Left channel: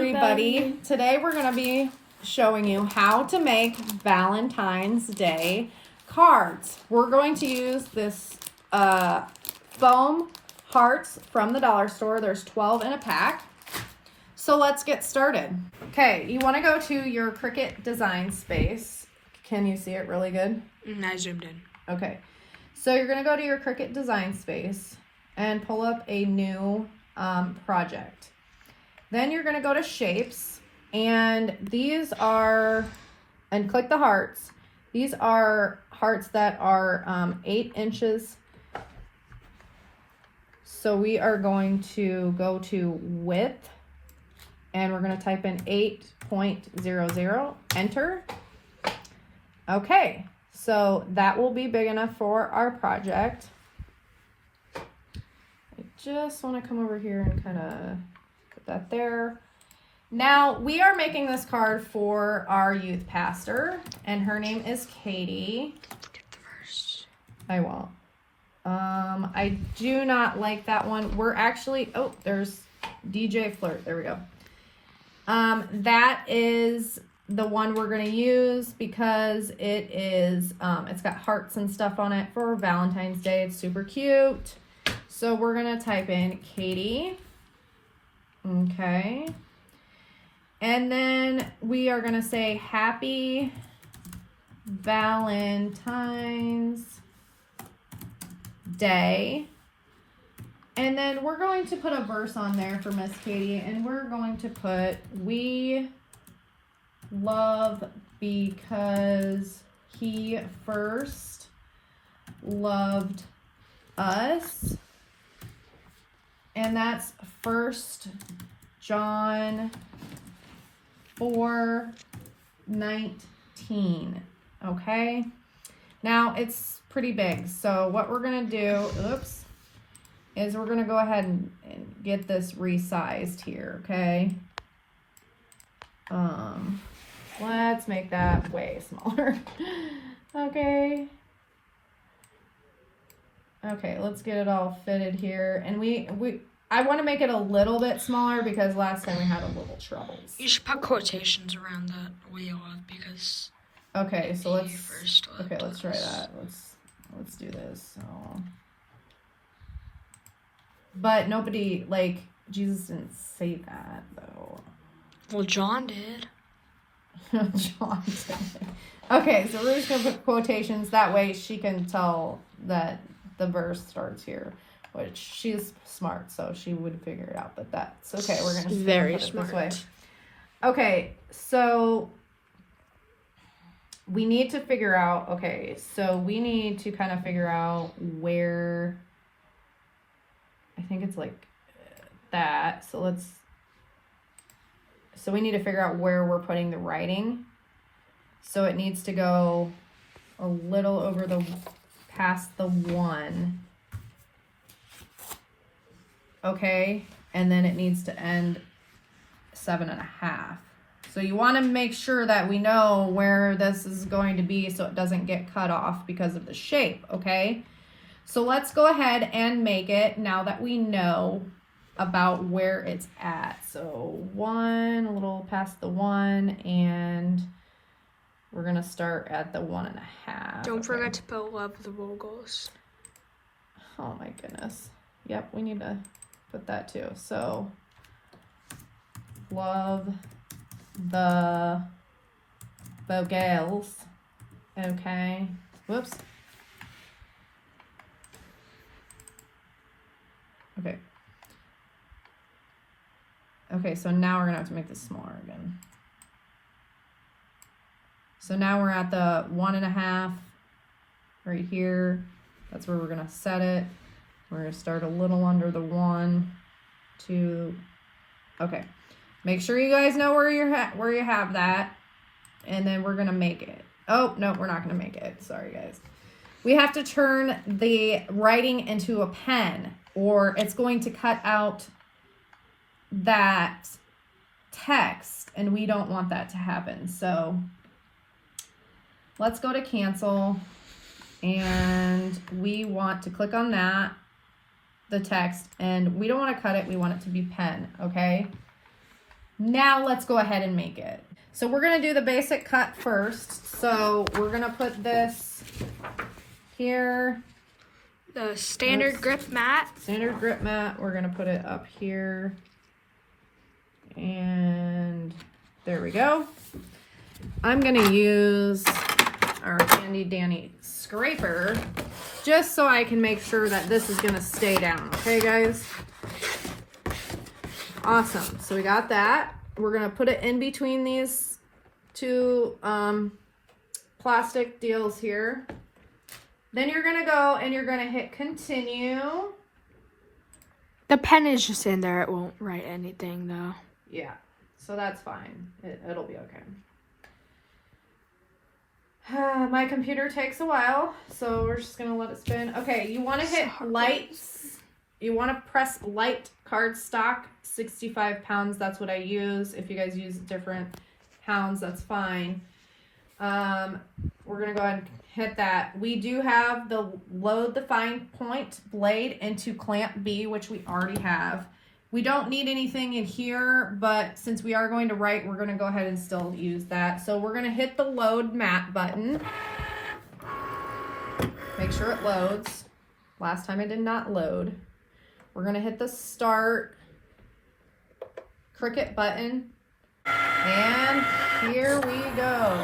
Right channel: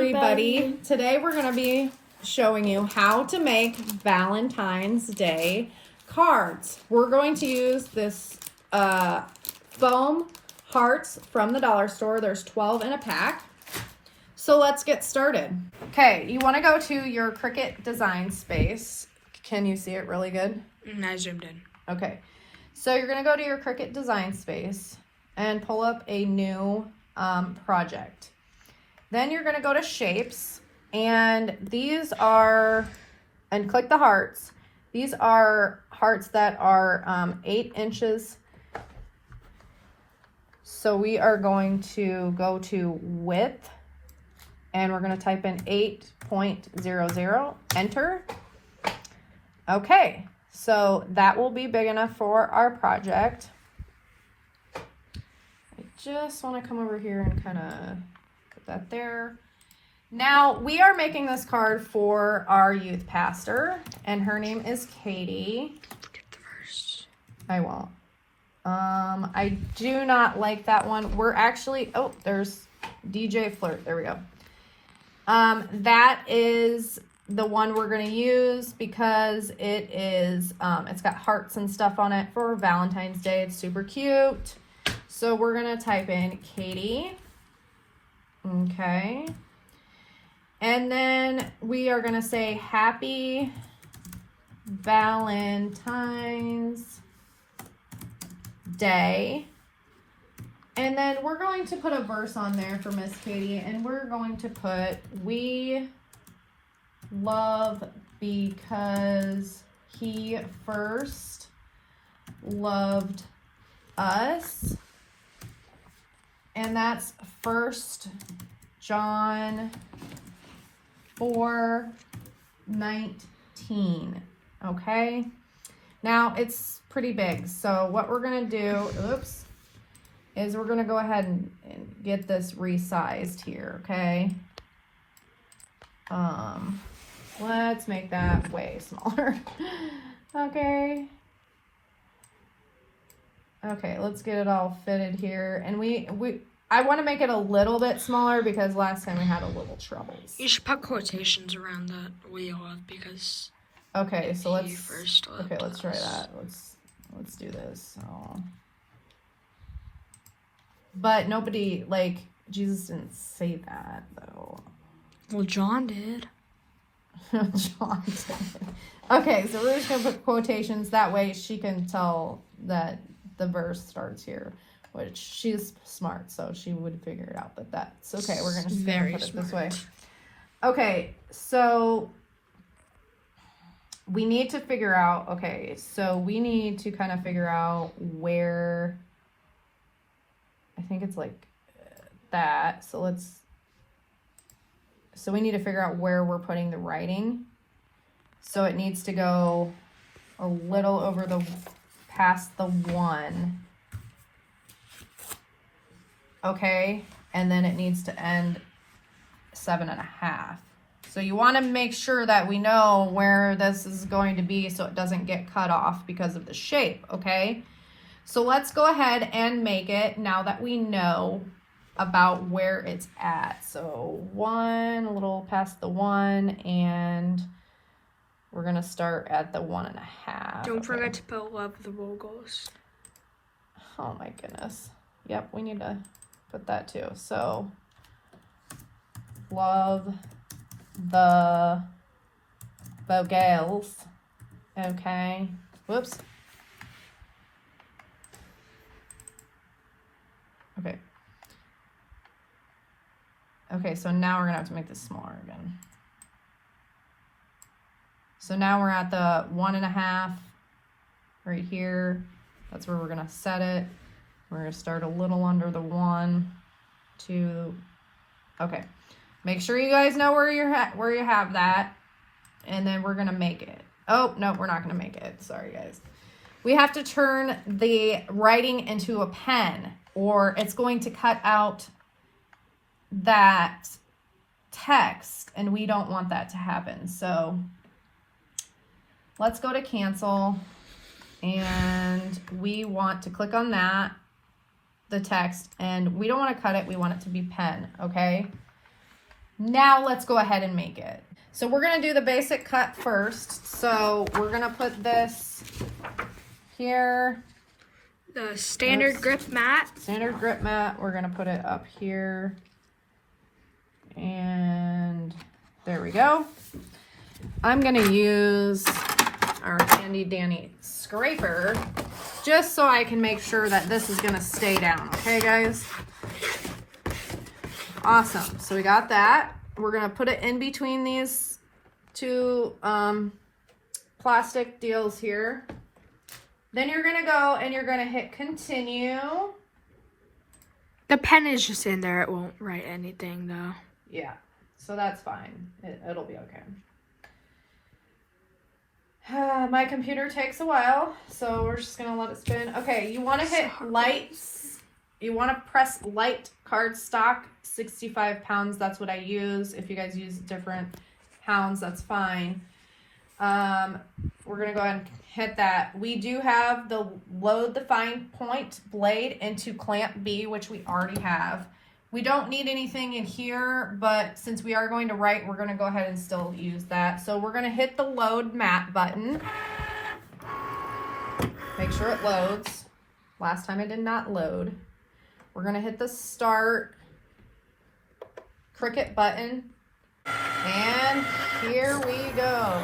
everybody. Today we're going to be showing you how to make Valentine's Day cards. We're going to use this foam hearts from the dollar store. There's 12 in a pack. So let's get started. Okay, you want to go to your Cricut design space. Can you see it really good? I zoomed in. Okay, so you're going to go to your Cricut design space and pull up a new project. Then you're going to go to shapes, and these are, and click the hearts. These are hearts that are 8 inches. So we are going to go to width, and we're going to type in 8.00, enter. Okay, so that will be big enough for our project. I just want to come over here and kind of put that there. Now, we are making this card for our youth pastor, and her name is Katie. Get the verse. I won't. I do not like that one. We're actually, oh, there's DJ Flirt. There we go. That is the one we're going to use because it is, it's got hearts and stuff on it for Valentine's Day. It's super cute. So we're going to type in Katie. Okay. And then we are going to say Happy Valentine's Day. And then we're going to put a verse on there for Miss Katie, and we're going to put, we love because he first loved us. And that's 1 John 4:19. Okay. Now it's pretty big. So what we're going to do, is we're going to go ahead and get this resized here. Okay. Let's make that way smaller. Okay. Okay, let's get it all fitted here. And I want to make it a little bit smaller because last time we had a little troubles. You should put quotations around that wheel because. Okay, so let's try that. Let's do this. So. But nobody, like, Jesus didn't say that though. Well, John did. John did. Okay, so we're just gonna put quotations that way she can tell that the verse starts here, which she's smart, so she would figure it out. But that's okay. We're gonna very put it smart this way. Okay, so we need to figure out. Okay, so we need to kind of figure out where. I think it's like that. So we need to figure out where we're putting the writing. So it needs to go a little over past the 1. Okay. And then it needs to end 7.5. So you want to make sure that we know where this is going to be so it doesn't get cut off because of the shape. Okay. So let's go ahead and make it now that we know about where it's at. So 1, a little past the 1, and we're going to start at the 1.5. Don't forget to put love the logos. Oh my goodness. Yep, we need to put that too. So love the vocals. Okay. Whoops. Okay. Okay, so now we're going to have to make this smaller again. So now we're at the 1.5 right here. That's where we're going to set it. We're going to start a little under the 1, 2. Okay. Make sure you guys know where you have that. And then we're going to make it. Oh, no, we're not going to make it. Sorry, guys. We have to turn the writing into a pen, or it's going to cut out that text, and we don't want that to happen. So let's go to cancel, and we want to click on that, the text, and we don't want to cut it. We want it to be pen, okay? Now let's go ahead and make it. So we're gonna do the basic cut first. So we're gonna put this here. The standard grip mat. Standard grip mat. We're gonna put it up here. And there we go. I'm gonna use our handy dandy scraper just so I can make sure that this is gonna stay down. Okay, guys? Awesome. So we got that. We're gonna put it in between these two plastic deals here. Then you're gonna go and you're gonna hit continue. The pen is just in there. It won't write anything though. Yeah, so that's fine. It'll be okay. My computer takes a while, so we're just gonna let it spin. Okay, you wanna hit lights. You wanna press light cardstock, 65 pounds. That's what I use. If you guys use different pounds, that's fine. We're gonna go ahead and hit that. We do have the load the fine point blade into clamp B, which we already have. We don't need anything in here, but since we are going to write, we're gonna go ahead and still use that. So we're gonna hit the load mat button. Make sure it loads. Last time it did not load. We're gonna hit the start Cricut button. And here we go.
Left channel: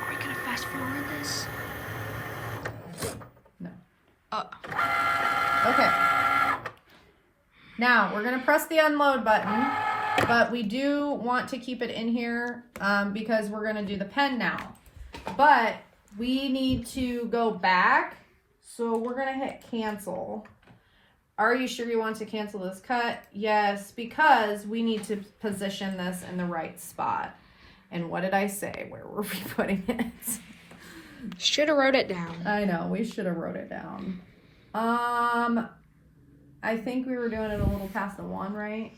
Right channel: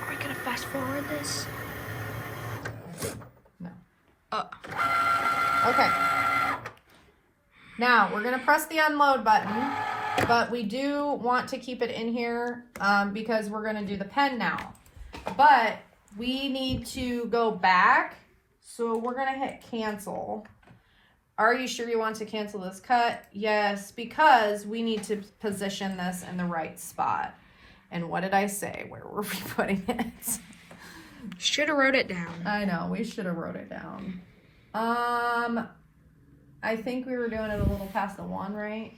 Are we gonna fast forward this? No. Oh. Okay. Now we're gonna press the unload button, but we do want to keep it in here because we're gonna do the pen now. But we need to go back, so we're gonna hit cancel. Are you sure you want to cancel this cut? Yes, because we need to position this in the right spot. And what did I say? Where were we putting it? Should have wrote it down. I know, we should have wrote it down. I think we were doing it a little past the 1, right?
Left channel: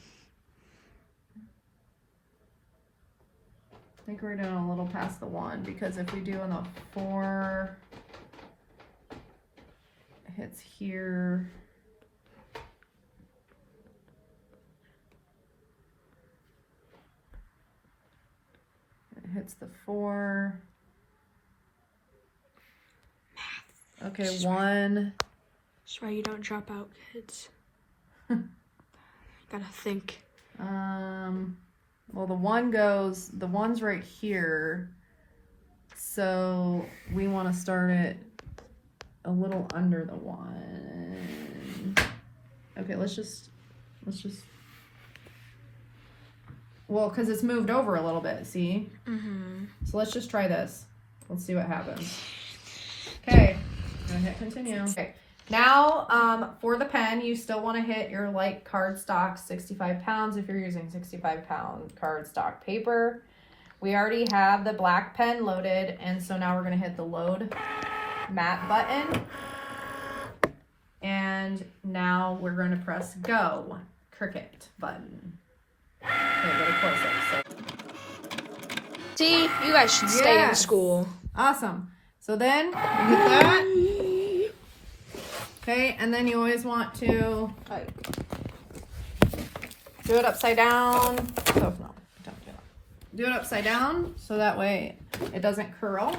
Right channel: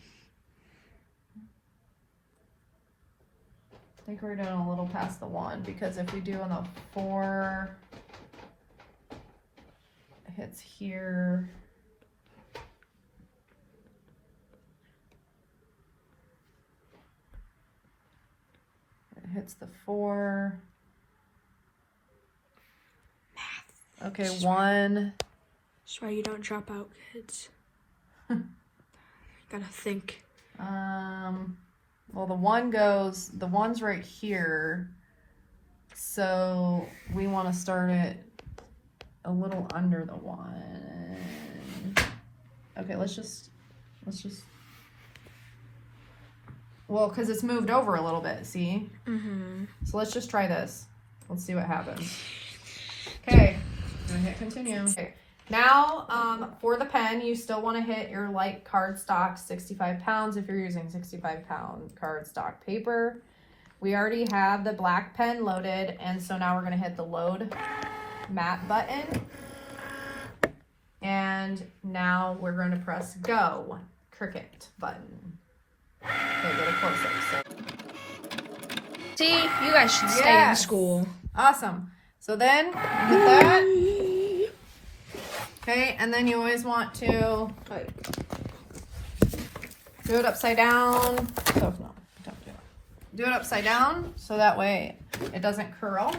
I think we're doing a little past the 1 because if we do in the 4, it hits here. It hits the 4. Okay, 1. That's why you don't drop out, kids. Gotta think. Well, the 1's right here. So we want to start it a little under the 1. Okay, let's just, well, because it's moved over a little bit, see? Mm-hmm. So let's just try this. Let's see what happens. Okay, I'm gonna hit continue. Okay. Now, for the pen, you still want to hit your light cardstock, 65 pounds if you're using 65-pound cardstock paper. We already have the black pen loaded, and so now we're going to hit the load mat button. And now we're going to press go, Cricut button. Okay, really close. See, you guys should stay in school. Awesome. So then, with that... Okay, and then you always want to do it upside down. Oh, no, don't do it. Do it upside down so that way it doesn't curl.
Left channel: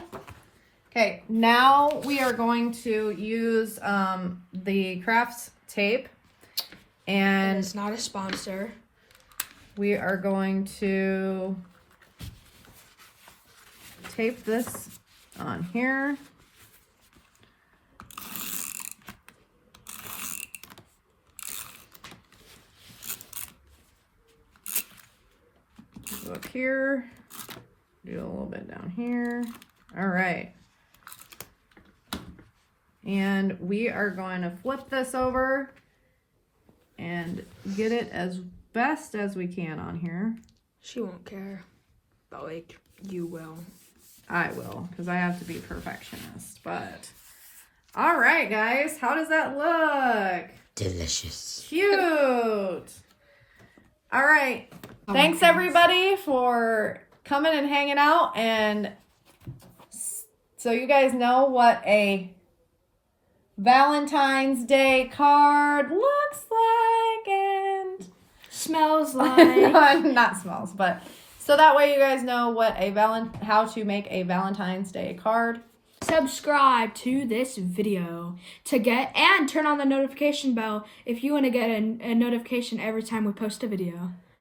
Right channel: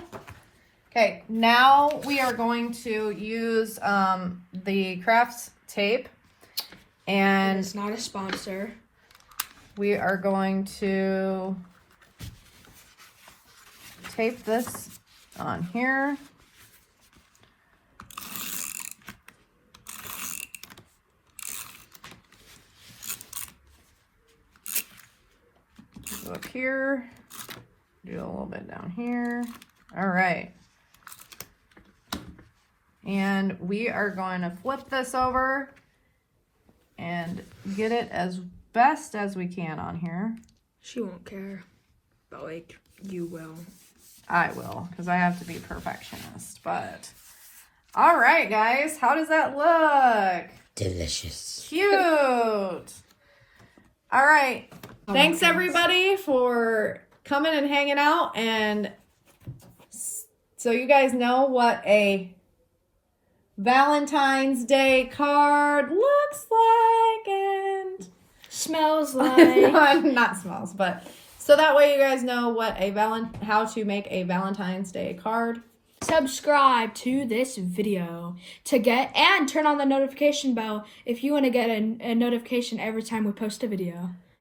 Okay, now we are going to use the crafts tape. And it's not a sponsor. We are going to tape this on here. Go up here, do a little bit down here. All right. And we are going to flip this over and get it as best as we can on here. She won't care, but like you will. I will, because I have to be a perfectionist, but all right, guys, how does that look? Delicious. Cute. All right. Thanks everybody for coming and hanging out, and so you guys know what a Valentine's Day card looks like and Smells like. not smells, but so that way you guys know what how to make a Valentine's Day card. Subscribe to this video to get and turn on the notification bell if you want to get a notification every time we post a video.